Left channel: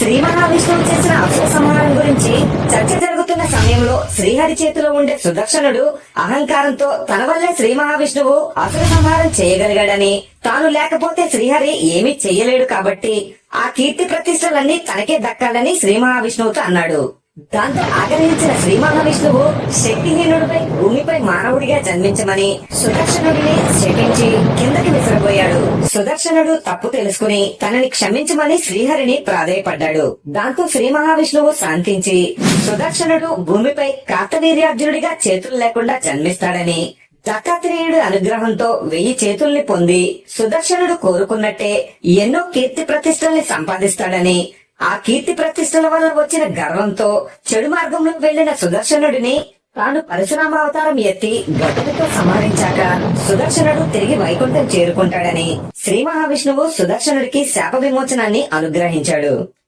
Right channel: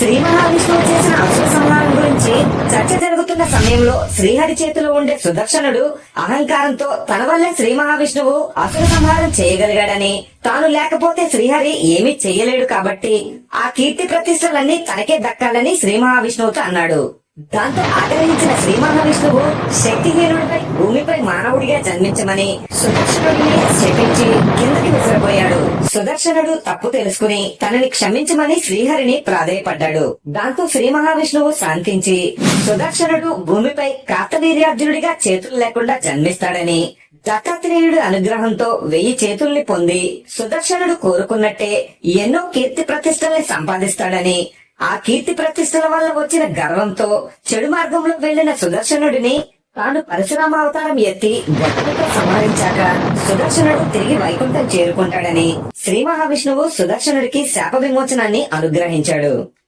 శ్రీ మహావిష్ణువు చేసిన అసుర సంహారం గురించి చర్చ జరుగుతున్న సమయంలో శ్రీహరి చేతిలో ఉండే సుదర్శనుడు అహంకారంతో తన వల్లే శ్రీ మహావిష్ణువు అసుర సంహారం చేయగలిగాడని, తాను లేకపోతే శ్రీహరి ఏమీ చెయ్యలేడు కాబట్టి ఆ కీర్తి ప్రతిష్టలన్నీ తనకే దక్కాలని శ్రీ మహావిష్ణువుతో అన్నాడు. దాంతో ఆగ్రహించిన శ్రీ మహావిష్ణువు శక్తిహీనుడిపై భూమిపై మానవుడిగా జన్మించమని సుదర్శనుడిని శపించి కిందకి విసిరబోయాడు. సుదర్శనుడు తప్పు తెలుసుకుని తనని క్షమించమని శ్రీహరిని ప్రాధేయపడ్డాడు. దాంతో శ్రీ మహావిష్ణువు శాంతించి సుదర్శనుడు భూమిపై కార్తవీర్యార్జునుడిగా చేతులు లేకుండా జన్మిస్తాడని, దత్తాత్రేయుడి అనుగ్రహంతో 1000 చేతుల్ని పొంది సుదర్శనుడు కోరుకున్నట్టే ఎన్నో కీర్తి ప్రతిష్టల్ని సంపాదిస్తాడని, ఆ కీర్తి ప్రతిష్టల వల్ల వచ్చిన గర్వంతో చెడు మార్గంలో వెళ్లిన సుదర్శనుడిని తాను పరశురామ అవతారం ఎత్తి గొడ్డలతో సంహరించాక సుదర్శనుడు తిరిగి వైకుంఠం చేరుకుంటాడని శ్రీ మహావిష్ణువు సుదర్శనుడికి శాప విమోచనాన్ని అనుగ్రహించాడు.